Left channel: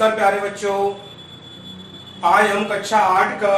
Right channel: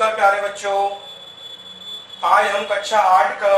नमस्कार प्यारे बच्चों, आज हम कक्षा 8 का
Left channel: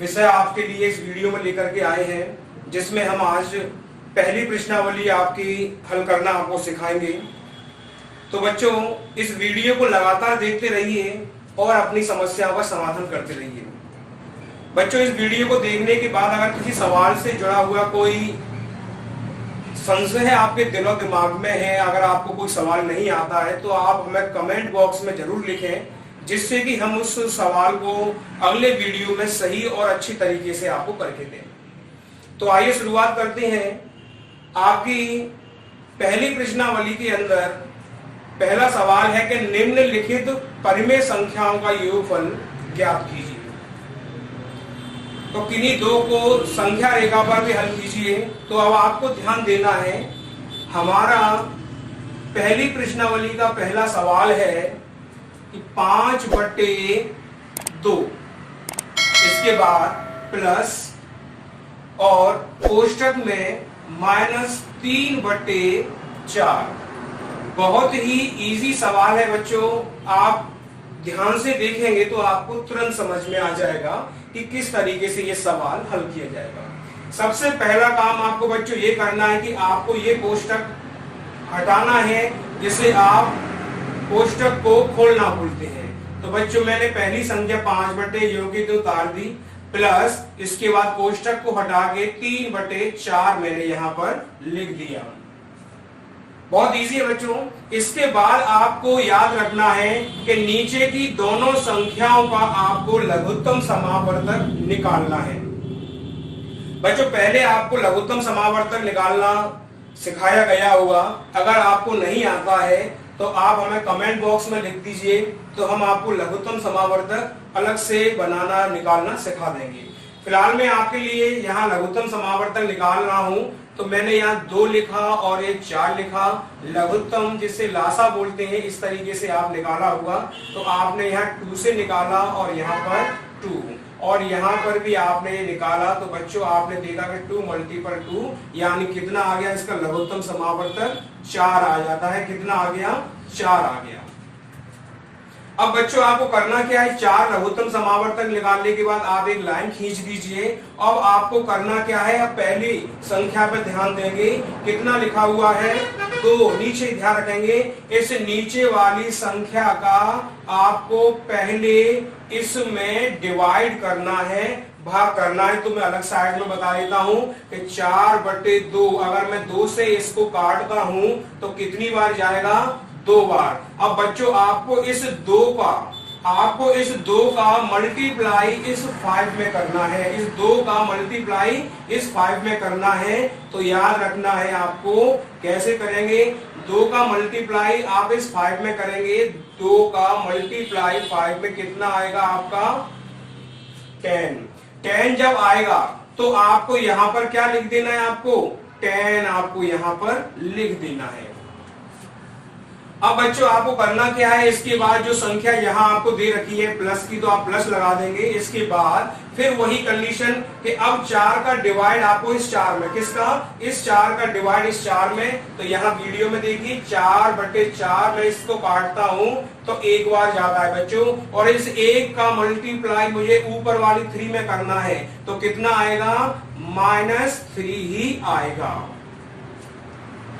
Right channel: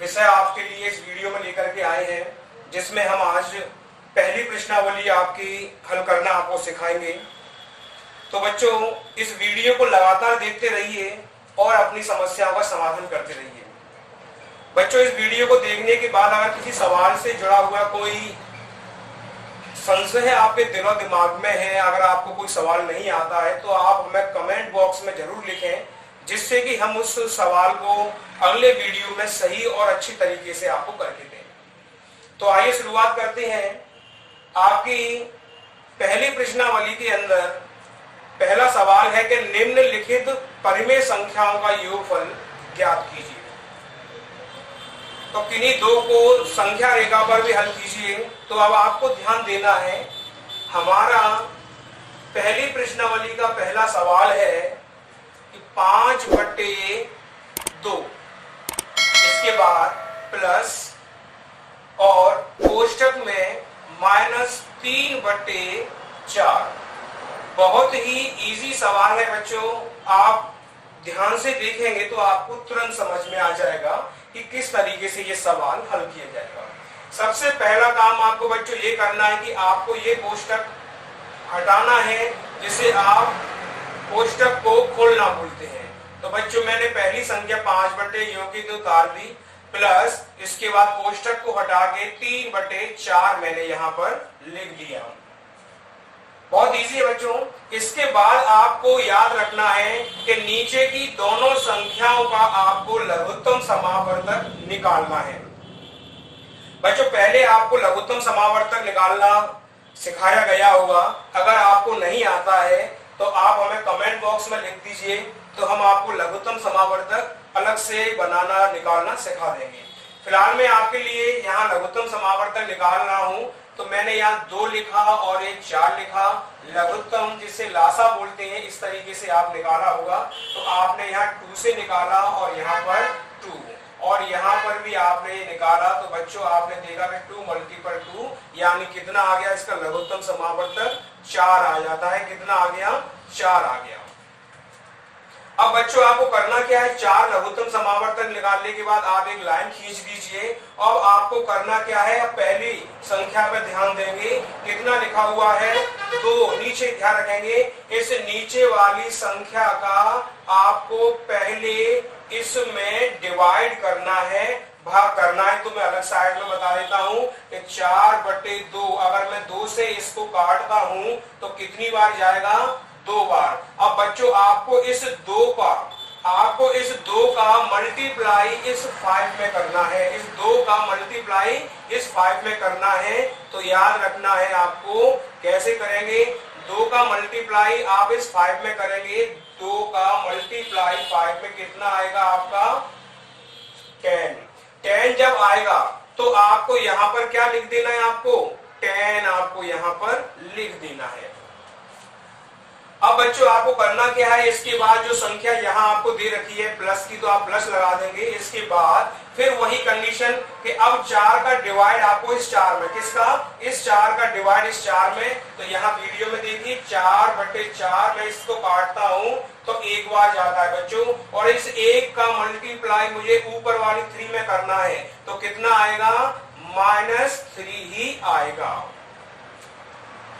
विषय आपके लिए इस वीडियो में लेकर के आए हैं, जिसमें हम आज पहली प्रश्नावली आपकी हल करना आपको सिखाएंगे। तो बच्चों, इस वीडियो को लगातार देखते रहिए और अपनी समस्याओं का समाधान करते रहिए। बच्चों, इस वीडियो को देखने के बाद अगर किसी सवाल से जुड़ा हुआ कोई संशय आपके दिलो दिमाग में है, अगर आपको कोई सवाल नहीं आता है तो आप हमें कमेंट बॉक्स में जरूर लिखें, जिससे कि हम उस सवाल को अगले वीडियो में सही और अच्छी तरीके से आपको करके दें। तो आइए शुरुआत करते हैं। आपकी पहली प्रश्नावली के अंदर पहला सवाल है कि निम्नलिखित परिमेय संख्याओं का योगफल ज्ञात कीजिए। तो किन्हीं दो को संख्या रेखा पर भी हल कीजिए। तो अब आपको ध्यान देना है, हमारा पहली प्रश्नावली का पहला सवाल है कि 5/2, इसके बाद प्लस और कोष्टक में -3/4। बहुत ही इजी सवाल है बच्चों, आप ध्यान से देखेंगे तो आपको तुरंत समझ में आ जाएगा कि किस तरीके से ये सवाल हल किया जाएगा। सबसे पहला काम आपको बच्चों ये करना है कि आपको ये कोष्टक हटाना है, जिसे आप कोष्टक को खोलना बोलते हैं। तो बच्चों, मैंने पहली संख्या 5/2 उतार दी, प्लस इसके बाद कोष्टक को हटा के 3/4 मैंने यहां पर लिख दिया। बहुत इजी है बच्चों। इसके बाद आपको याद रखना है कि नीचे की दोनों संख्याओं का आपको लघुत्तम समावर्तक निकालना है। बच्चों, पहले आपको लघुत्तम समावर्तक निकालना सिखाया गया होगा। अगर आपको नहीं आता है तो आप हमें कमेंट बॉक्स में लिख दीजिए, तो हम आपको लघुत्तम समावर्तक अलग से बनाना निकालना सिखा देंगे। फिलहाल मैं आपके लिए यहाँ लघुत्तम समावर्तक निकाल रहा हूँ। तो मैंने यहाँ 2 लिखा और एक 4 लिखा। लघुत्तम जिसे लासा बोलते हैं, इस तरीके से आप निकाला होगा। तो आपने यहाँ 2 से निकाला और यहाँ पर 2, और यहाँ पर भी आपने ये निकाला। तो बच्चों, आपने देखा कि 2 × 2 यानी कितना आ गया, इसका लघुत्तम समावर्तक 4 आ जाता है। कितना आ गया? 4 आ गया। अब बच्चों, आपको करना क्या है, 4 लघुत्तम समावर्तक निकालने के बाद आप एक लाइन खींच दीजिए। अब आपको करना क्या है, अब पहली संख्या पे ध्यान देंगे। कितना लिखा हुआ है? 2। नीचे ध्यान रखेंगे, इस नीचे वाली संख्या का आपको पहले इसमें डिवाइड करना है, भाग करना है। तो मैं अलग साइड में बता देता हूं कि 4/2, अगर मैं 2 से इसको काटता हूं तो कितनी बार जाएगा? 2 बार। अब बच्चों, आपको इस 2 का मल्टीप्लाई इस 5 में करना है। इस 2 का मल्टीप्लाई इस 5 में करना है। तो याद रखना है आपको, कैसे करेंगे? 2 का मल्टीप्लाई आप इस 5 में करेंगे। 2 का मल्टीप्लाई 5 में कितना आएगा आपका? 10। 10 जब आएगा तो आपको यहां पर क्या लिख देना है? आपको 10 आपको यहां पर लिख देना है। अब बच्चों, आपको करना क्या है, इसके बाद जो संख्या यहां आपको दे रखी है प्लस की, तो आप प्लस लगा देंगे। इसके बाद फिर वही कंडीशन कि अब 4 का डिवाइड आपको इस 4 में, किसका? इस 4 का डिवाइड इस 4 में। तो यहाँ वीडियो में देखिए, 4/4 में इसको काटता हूं तो 1 बार जाता है बच्चों, और इस 1 का मल्टीप्लाई मुझे ऊपर वाली 3 में करना है। तो कितना आएगा? -3 ही आएगा।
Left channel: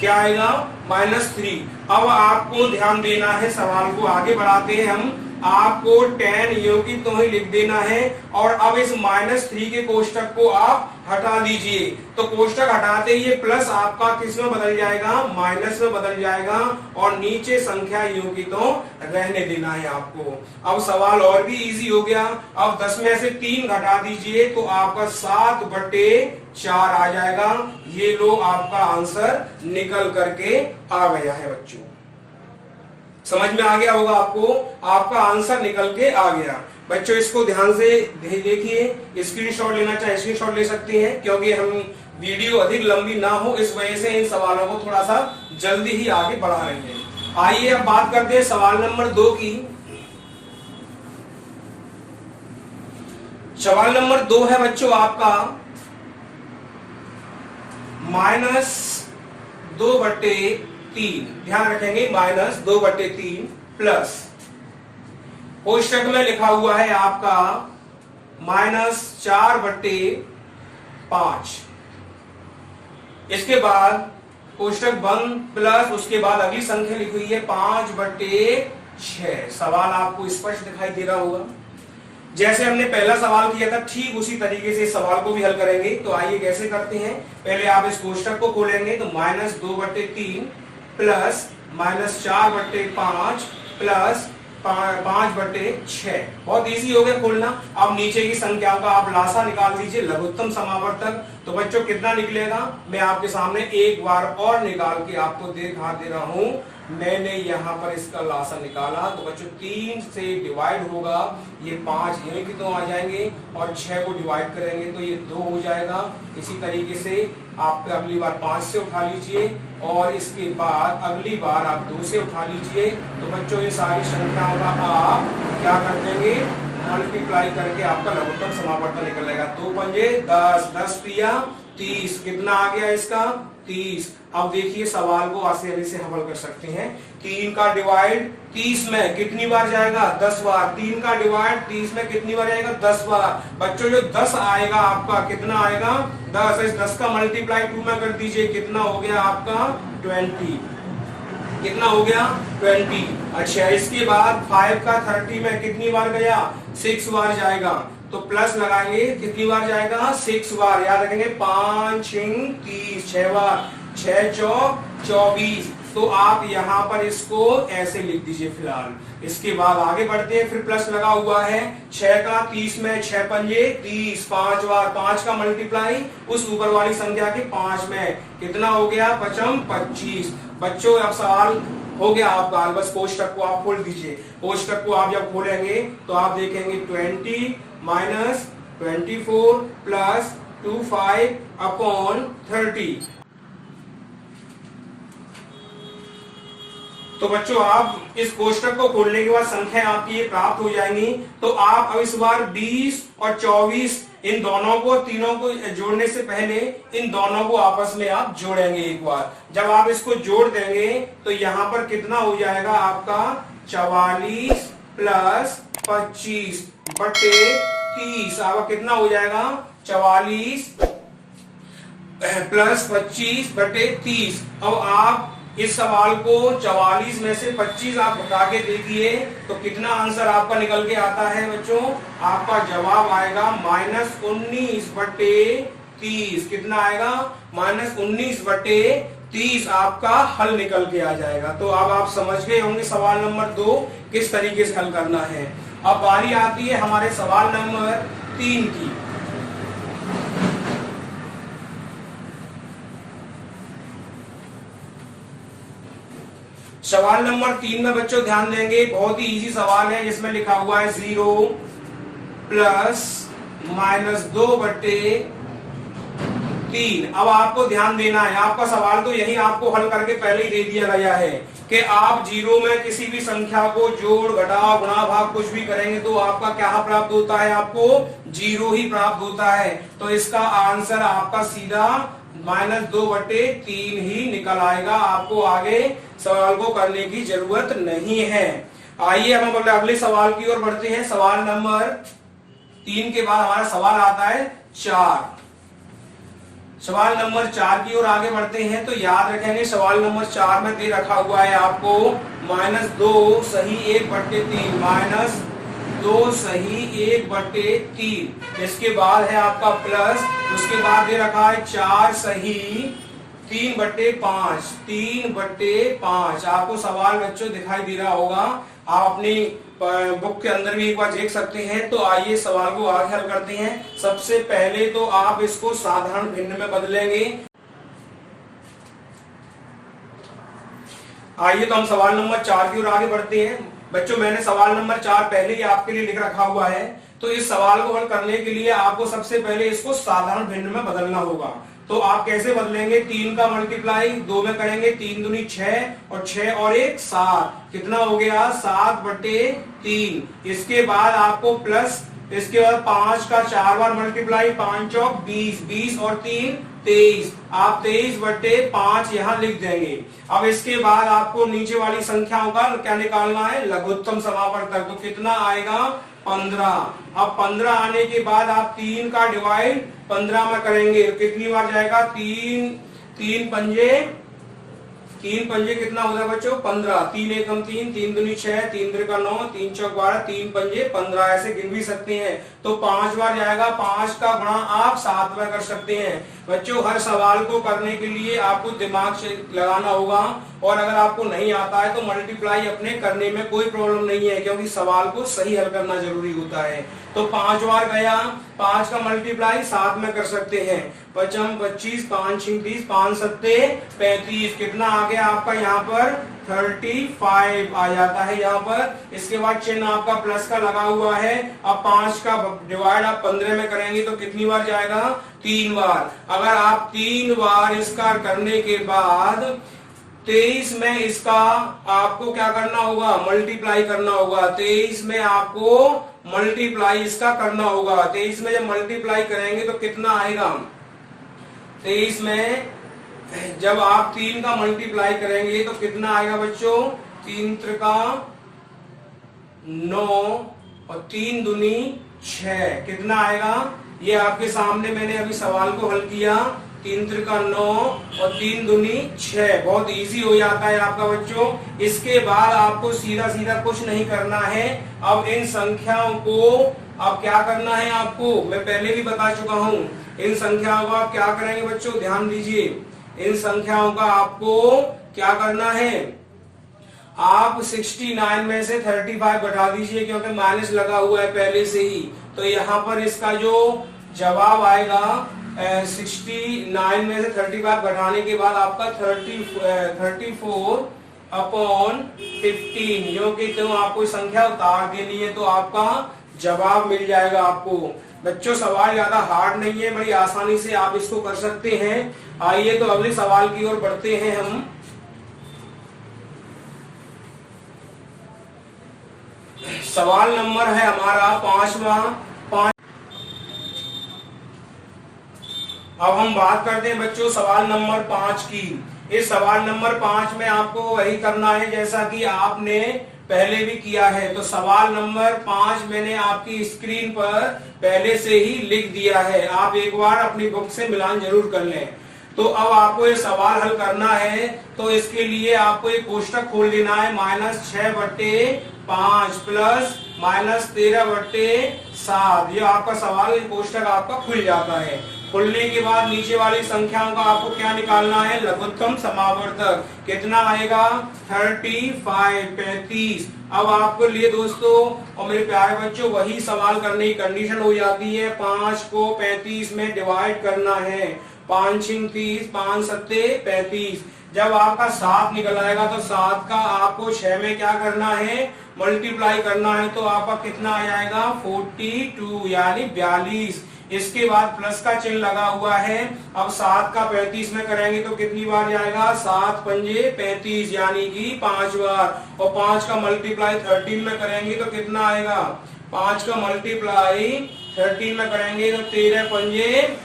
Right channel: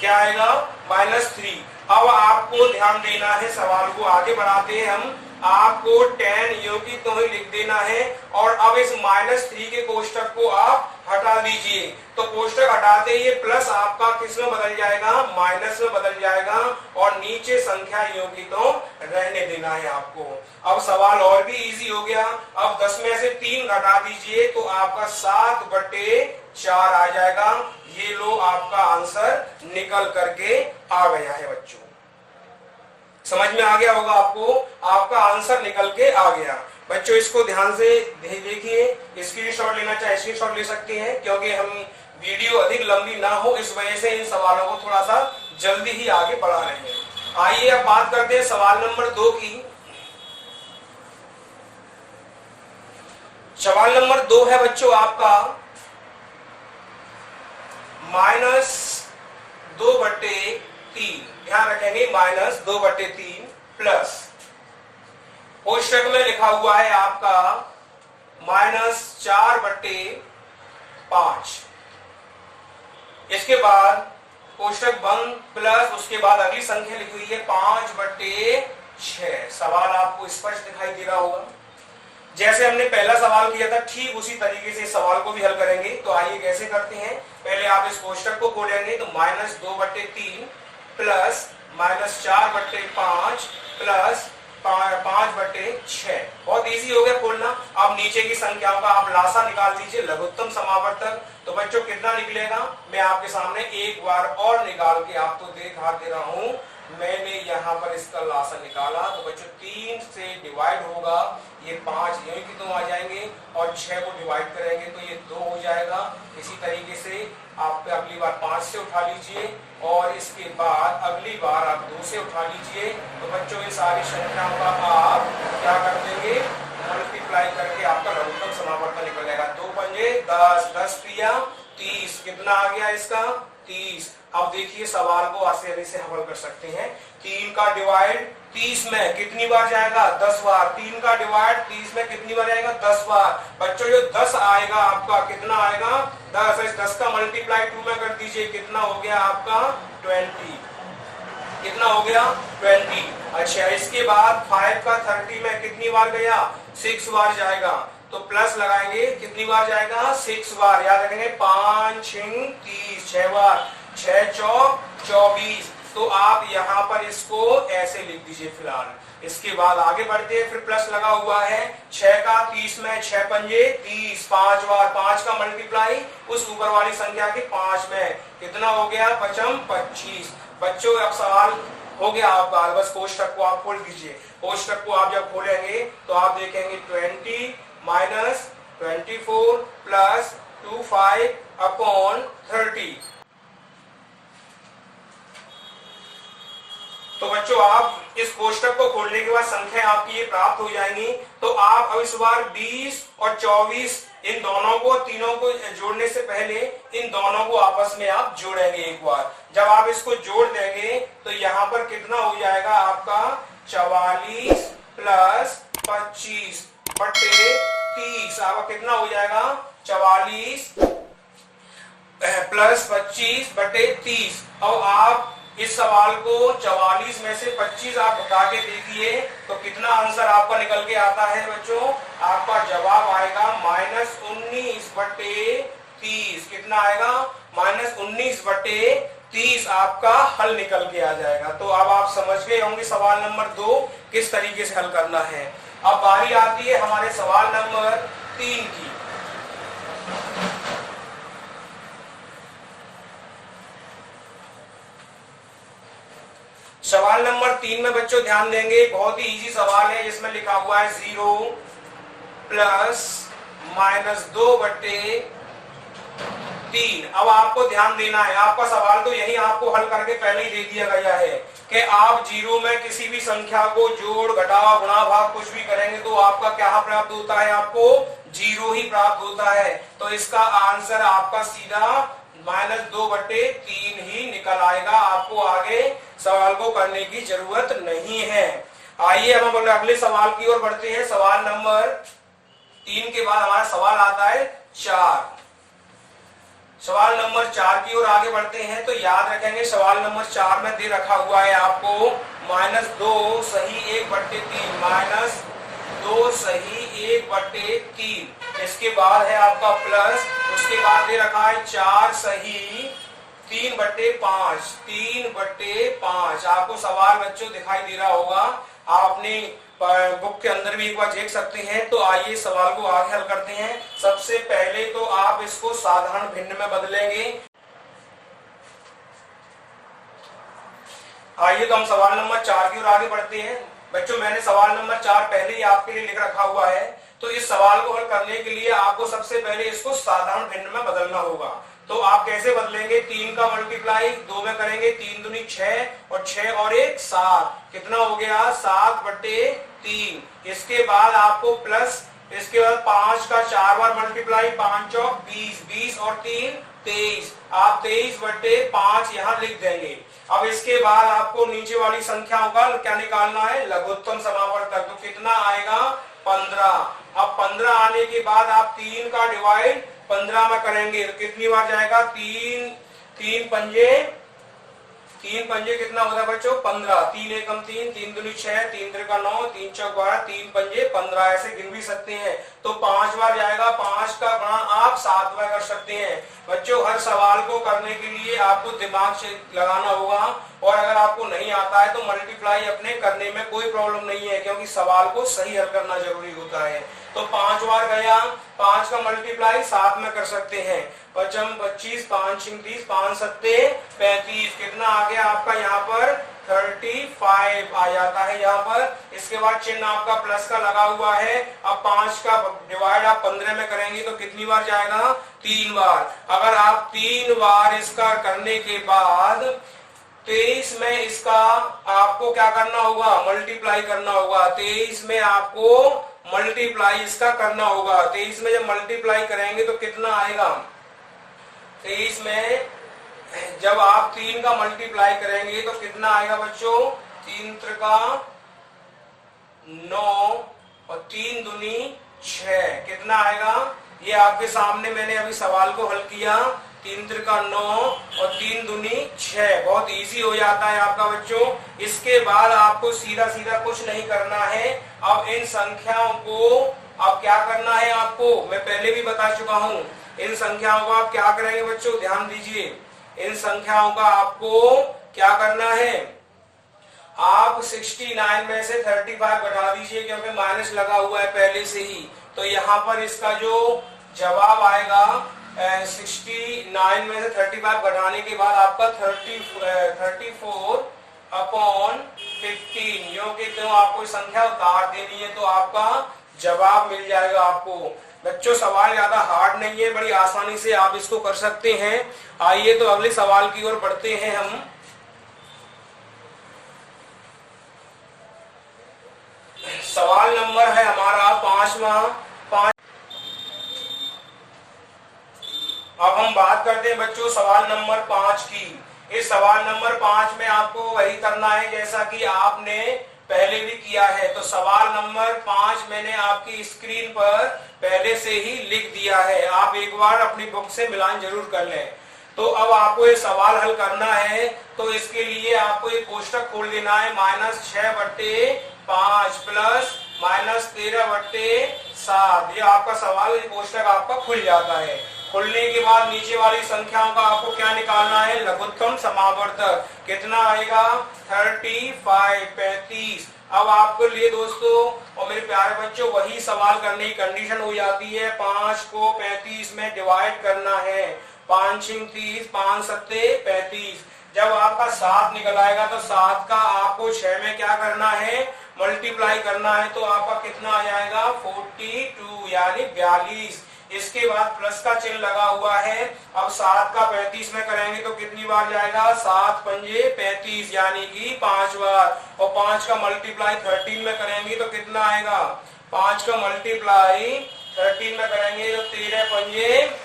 क्या आएगा? -3। अब आपको ध्यान देना है, सवाल को आगे बढ़ाते हैं हम। आपको 10 योगी तो ही लिख देना है, और अब इस -3 के कोष्टक को आप हटा दीजिए। तो कोष्टक हटाते ही ये प्लस आपका किस में बदल जाएगा? माइनस में बदल जाएगा, और नीचे संख्या योगी तो रहने देना है आपको। अब सवाल और भी इजी हो गया। अब 10 में से 3 घटा दीजिए तो आपका 7/4 आ जाएगा। ये लो, आपका आंसर निकल करके आ गया है बच्चों। समझ में आ गया होगा आपको, आपका आंसर निकल के आ गया। बच्चों, इसको ध्यान से देखिए, स्क्रीनशॉट लेना चाहे स्क्रीनशॉट ले सकते हैं, क्योंकि हम वीडियो अधिक लंबी ना हो इस वजह से इन सवालों को थोड़ा सा जल्दी ही आगे बढ़ा रहे हैं। आइए अब बात करते हैं सवाल नंबर 2 की। सवाल नंबर 2 है बच्चों आपका -2/3। ध्यान रखेंगे, -2/3 प्लस कोष्टक में लिखा हुआ है आपका -4/5। इसके बाद कोष्टक बंद प्लस उसके बाद अगली संख्या लिखी हुई है 5/6। सवाल आपको स्पष्ट दिखाई दे रहा होगा। जैसे हमने पहला सवाल किया था ठीक उसी तरीके से इस सवाल को भी हल करेंगे। तो आइए कैसे करते हैं। पहले आप इस कोष्टक को खोलेंगे तो -2/3 प्लस -4/5 प्लस 5/6। बहुत इजी हो गया खोलना। अब नीचे की संख्याओं का आप लासा निकाल दीजिए लघुत्तम समावर्तक। तो बच्चों कितना निकलेगा मैं आपके सामने एक बार और निकाल के आपको दिखा दे रहा हूं। मैंने यहाँ पर इसका लासा निकाला तो बच्चों 3 से डिवाइड होगा, ये 5 ये की 2 आ जाएंगे और 6 को डिवाइड करेंगे तो ये 2 हो जाएगा। इसी तरीके से आप अगली बार 5 से उठा लीजिए और इसके बाद अगली बार आप 2 से उठा लीजिए। तो बच्चों इन सारी संख्याओं का आप क्या कर देंगे मल्टीप्लाई करके आपका लघुत्तम समावर्तन निकल जाएगा। 2 पंजे 10, 10 तिया 30। कितना आ गया इसका 30। अब देखिए सवाल को आसानी से हल कर सकते हैं। 3 का डिवाइड 30 में कितनी बार जाएगा 10 बार। 3 का डिवाइड 30 में कितनी बार जाएगा 10 बार। बच्चों जो 10 आएगा आपका कितना आएगा 10। इस 10 का मल्टीप्लाई 2 में कर दीजिए कितना हो गया आपका 20। कितना हो गया 20। अच्छा इसके बाद 5 का 30 में कितनी बार गया 6 बार जाएगा। तो प्लस लगाएंगे कितनी बार जाएगा 6 बार। याद रखेंगे 5 6 30 6 बार 6 चौक 24। तो आप यहाँ पर इसको ऐसे लिख दीजिए फिलहाल। इसके बाद आगे बढ़ते हैं फिर प्लस लगा हुआ है 6 का 30 में 6 पंजे 30 5 बार 5 का मल्टीप्लाई उस ऊपर वाली संख्या के 5 में कितना हो गया 5 25। बच्चों अब सवाल हो गया आपका। बस कोष्टक को आप खोल दीजिए। कोष्टक को आप जब खोलेंगे तो आप देखेंगे 20 माइनस 24 प्लस 25/30। तो बच्चों आप इस कोष्टक को खोलने के बाद संख्या आपकी ये प्राप्त हो जाएंगी। तो आप अब इस बार 20 और 24 इन दोनों को तीनों को जोड़ने से पहले इन दोनों को आपस में आप जोड़ेंगे एक बार। जब आप इसको जोड़ देंगे तो यहां पर कितना हो जाएगा आपका 44 प्लस 25/30। आपका कितना हो जाएगा 44 प्लस 25/30। अब आप इस सवाल को 44 में से 25 आप घटा के देखिए तो कितना आंसर आपका निकल के आता है बच्चों। आपका जवाब आएगा -19/30। कितना आएगा -19/30 आपका हल निकल के आ जाएगा। तो अब आप समझ गए होंगे सवाल नंबर 2 किस तरीके से हल करना है। अब बारी आती है हमारे सवाल नंबर 3 की। सवाल नंबर 3 में बच्चों ध्यान देंगे बहुत ही इजी सवाल है जिसमें लिखा हुआ है 0 प्लस -2/3। अब आपको ध्यान देना है आपका सवाल तो यही आपको हल करके पहले ही दे दिया गया है कि आप 0 में किसी भी संख्या को जोड़ घटाव गुणा भाग कुछ भी करेंगे तो आपका क्या प्राप्त होता है आपको 0 ही प्राप्त होता है। तो इसका आंसर आपका सीधा -2/3 ही निकल आएगा। आपको आगे सवाल को करने की जरूरत नहीं है। आइए हम अगले सवाल की ओर बढ़ते हैं। सवाल नंबर 3 के बाद हमारा सवाल आता है 4। सवाल नंबर 4 की ओर आगे बढ़ते हैं। तो याद रखेंगे सवाल नंबर 4 में दे रखा हुआ है आपको -2 सही 1/3 -2 सही 1/3। इसके बाद है आपका प्लस उसके बाद दे रखा है 4 सही 3/5 3/5। आपको सवाल बच्चों दिखाई दे रहा होगा। आप अपनी बुक के अंदर भी एक बार देख सकते हैं। तो आइए सवाल को आगे हल करते हैं। सबसे पहले तो आप इसको साधारण भिन्न में बदलेंगे। आइए तो हम सवाल नंबर 4 की ओर आगे बढ़ते हैं। बच्चों मैंने सवाल नंबर 4 पहले ही आपके लिए लिख रखा हुआ है। तो इस सवाल को हल करने के लिए आपको सबसे पहले इसको साधारण भिन्न में बदलना होगा। तो आप कैसे बदलेंगे 3 का मल्टीप्लाई 2 में करेंगे 3 दूनी 6 और 6 और 1 7। कितना हो गया 7/3। इसके बाद आपको प्लस इसके बाद 5 का 4 बार मल्टीप्लाई 5 चौक 20 20 और 3 23। आप 23/5 यहाँ लिख देंगे। अब इसके बाद आपको नीचे वाली संख्याओं का क्या निकालना है, लघुत्तम समावर्तक। तो कितना आएगा, 15। अब 15 आने के बाद आप 3 का डिवाइड 15 में करेंगे तो कितनी बार जाएगा, 3 पंजे कितना होता है बच्चों, 15। 3 एकम 3, 3 दूनी 6, 3 त्रिका 9, 3 चौक 12, 3 पंजे 15। ऐसे गिन भी सकते हैं। तो 5 बार जाएगा। 5 का गुणा आप 7 बार कर सकते हैं। बच्चों हर सवाल को करने के लिए आपको दिमाग से लगाना होगा, और अगर आपको नहीं आता है तो मल्टीप्लाई अपने करने में कोई प्रॉब्लम नहीं है, क्योंकि सवाल को सही हल करना जरूरी होता है। तो 5 बार गया, 5 का मल्टीप्लाई 7 में कर सकते हैं। 5 25, 5 30, 5 7 35। कितना आ गया आपका यहाँ पर, 35 आ जाता है यहाँ पर। इसके बाद चिन्ह आपका प्लस का लगा हुआ है। अब 5 का डिवाइड आप 15 में करेंगे तो कितनी बार जाएगा, 3 बार। अगर आप 3 बार इसका करने के बाद 23 में इसका आपको क्या करना होगा, मल्टीप्लाई करना होगा। 23 में आपको मल्टीप्लाई इसका करना होगा। 23 में जब मल्टीप्लाई करेंगे तो कितना आएगा, 23 में जब आप 3 का मल्टीप्लाई करेंगे तो कितना आएगा बच्चों, 3 त्रिका 9 और 3 दूनी 6। कितना आएगा, ये आपके सामने मैंने अभी सवाल को हल किया। 3 त्रिका 9 और 3 दूनी 6। बहुत इजी हो जाता है आपका बच्चों। इसके बाद आपको सीधा सीधा कुछ नहीं करना है। अब इन संख्याओं को अब क्या करना है आपको, मैं पहले भी बता चुका हूं। इन संख्याओं को आप क्या करेंगे बच्चों, ध्यान दीजिए। इन संख्याओं का आपको क्या करना है, आप 69 में से 35 घटा दीजिए, क्योंकि माइनस लगा हुआ है पहले से ही। तो यहाँ पर इसका जो जवाब आएगा 69 में से 35 घटाने के बाद आपका 34/15, क्यों आपको संख्या उतार देनी है तो आपका जवाब मिल जाएगा आपको। बच्चों सवाल ज्यादा हार्ड नहीं है, बड़ी आसानी से आप इसको कर सकते हैं। आइए तो अगले सवाल की ओर बढ़ते हैं हम। सवाल नंबर है हमारा 5वां। अब हम बात करते हैं बच्चों सवाल नंबर 5 की। इस सवाल नंबर 5 में आपको वही करना है जैसा कि आपने पहले भी किया है। तो सवाल नंबर 5 मैंने आपकी स्क्रीन पर पहले से ही लिख दिया है, आप एक बार अपनी बुक से मिलान जरूर कर लें। तो अब आपको ये सवाल हल करना है, तो इसके लिए आपको एक कोष्टक खोल लेना है। -6/5 प्लस -13/7। ये आपका सवाल कोष्टक आपका खुल जाता है। खुलने के बाद नीचे वाली संख्याओं का आपको क्या निकालना है, लघुत्तम समावर्तक। कितना आएगा, 35। अब आपके लिए दोस्तों और मेरे प्यारे बच्चों वही सवाल करने की कंडीशन हो जाती है। 5 को 35 में डिवाइड करना है। 5 6 30, 5 7 35। जब आपका 7 निकल आएगा तो 7 का आपको 6 में क्या करना है, मल्टीप्लाई करना है। तो आपका कितना आ जाएगा, 42 यानी 42। इसके बाद प्लस का चिन्ह लगा हुआ है। अब 7 का 35 में करेंगे तो कितनी बार जाएगा, 7 पंजे 35 यानी कि 5 बार। और 5 का मल्टीप्लाई 13 में करेंगे तो कितना आएगा, 5 का मल्टीप्लाई 13 में करेंगे तो 13 पंजे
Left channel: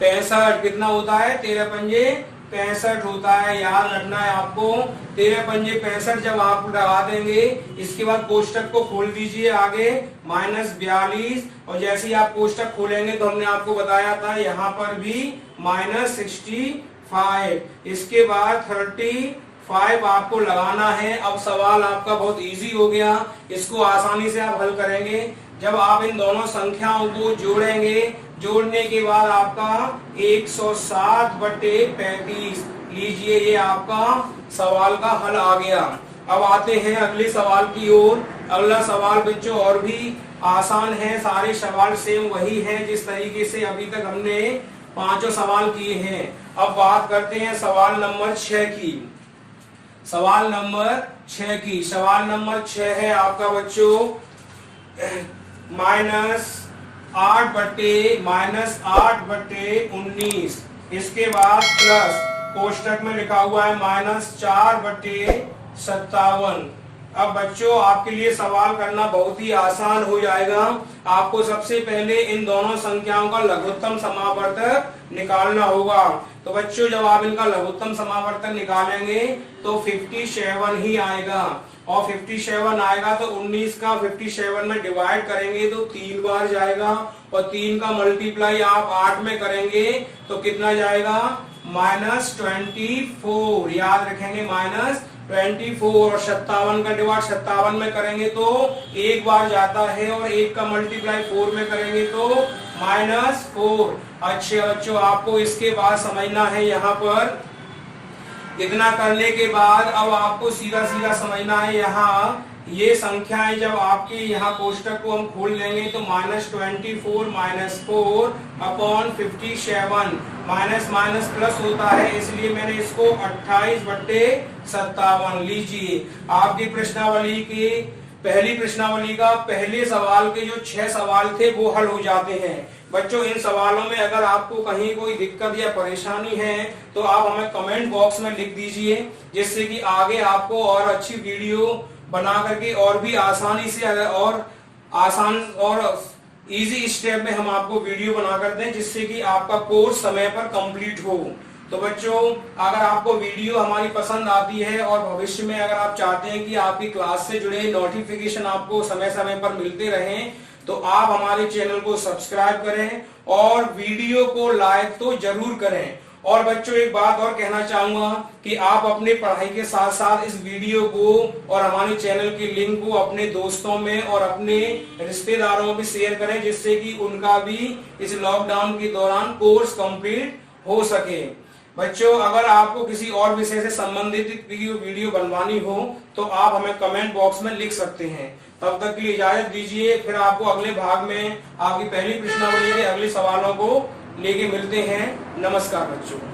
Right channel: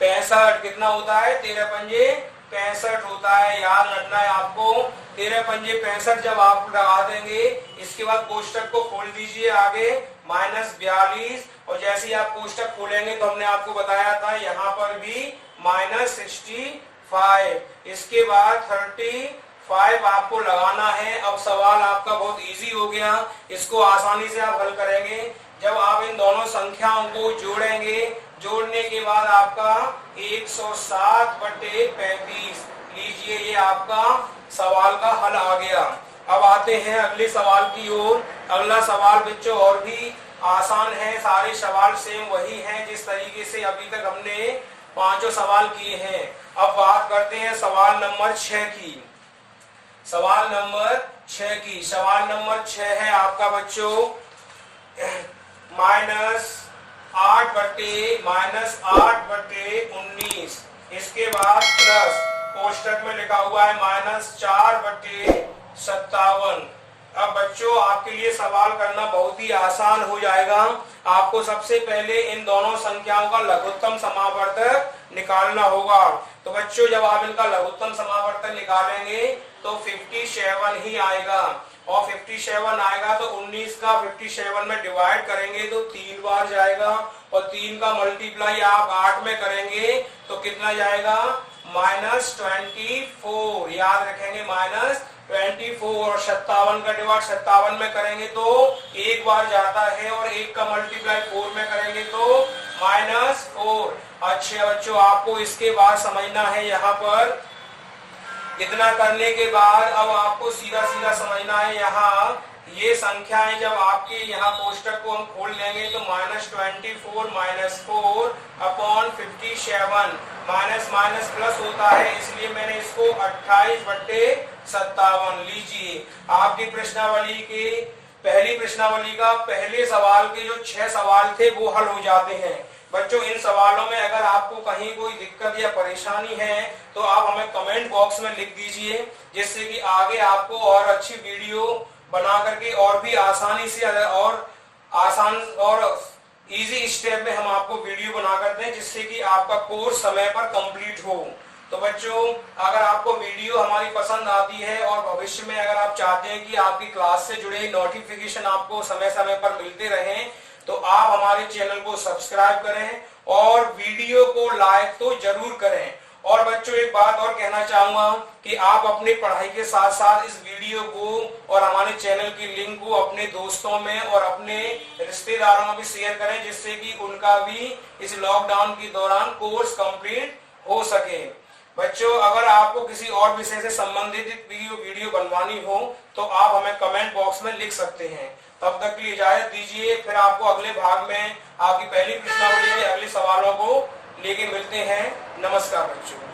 65। कितना होता है, 13 पंजे 65 होता है। याद रखना है आपको, 13 पंजे 65 जब आप लगा देंगे इसके बाद कोष्टक को खोल दीजिए आगे -42। और जैसे ही आप कोष्टक खोलेंगे तो हमने आपको बताया था यहाँ पर भी -65। इसके बाद 35 आपको लगाना है। अब सवाल आपका बहुत इजी हो गया, इसको आसानी से आप हल करेंगे। जब आप इन दोनों संख्याओं को जोड़ेंगे, जोड़ने के बाद आपका 107/35 लीजिए, ये आपका सवाल का हल आ गया। अब आते हैं अगले सवाल की ओर। अगला सवाल बच्चों और भी आसान है, सारे सवाल सेम वही हैं जिस तरीके से अभी तक हमने 5 सवाल किए हैं। अब बात करते हैं सवाल नंबर 6 की। सवाल नंबर 6 की, सवाल नंबर 6 है आपका बच्चों -8/19। इसके बाद प्लस कोष्टक में लिखा हुआ है -4/57। अब बच्चों आपके लिए सवाल करना बहुत ही आसान हो जाएगा। आपको सबसे पहले इन दोनों संख्याओं का लघुत्तम समावर्तक निकालना होगा। तो बच्चों जब आप इनका लघुत्तम समावर्तक निकालेंगे तो 57 ही आएगा, और 57 आएगा तो 19 का 57 में डिवाइड करेंगे तो 3 बार जाएगा, और 3 का मल्टीप्लाई आप 8 में करेंगे तो कितना जाएगा, -24। याद रखेंगे -24, और 57 का डिवाइड 57 में करेंगे तो एक बार जाता है, और 1 का मल्टीप्लाई 4 में करेंगे तो -4। अच्छे बच्चों आपको इसके बाद समझना है, यहाँ पर इतना करने के बाद अब आपको सीधा सीधा समझना है, यहाँ ये संख्याएं जब आपके यहाँ कोष्टक को हम खोल लेंगे तो -24 -4 अपॉन 57, माइनस माइनस प्लस होता है, इसलिए मैंने इसको 28/57 लीजिए। आपकी प्रश्नावली की पहली प्रश्नावली का पहले सवाल के जो 6 सवाल थे वो हल हो जाते हैं। बच्चों इन सवालों में अगर आपको कहीं कोई दिक्कत या परेशानी है तो आप हमें कमेंट बॉक्स में लिख दीजिए, जिससे कि आगे आपको और अच्छी वीडियो बना करके और भी आसानी से और आसान और इजी स्टेप में हम आपको वीडियो बना कर दें, जिससे कि आपका कोर्स समय पर कंप्लीट हो। तो बच्चों अगर आपको वीडियो हमारी पसंद आती है और भविष्य में अगर आप चाहते हैं कि आपकी क्लास से जुड़े नोटिफिकेशन आपको समय समय पर मिलते रहें, तो आप हमारे चैनल को सब्सक्राइब करें और वीडियो को लाइक तो जरूर करें। और बच्चों एक बात और कहना चाहूंगा कि आप अपनी पढ़ाई के साथ साथ इस वीडियो को और हमारे चैनल की लिंक को अपने दोस्तों में और अपने रिश्तेदारों में भी शेयर करें, जिससे कि उनका भी इस लॉकडाउन के दौरान कोर्स कंप्लीट हो सके। बच्चों अगर आपको किसी और विषय से संबंधित वीडियो बनवानी हो तो आप हमें कमेंट बॉक्स में लिख सकते हैं। तब तक के लिए इजाजत दीजिए, फिर आपको अगले भाग में आपकी पहली प्रश्नावली के अगले सवालों को लेके मिलते हैं। नमस्कार बच्चों।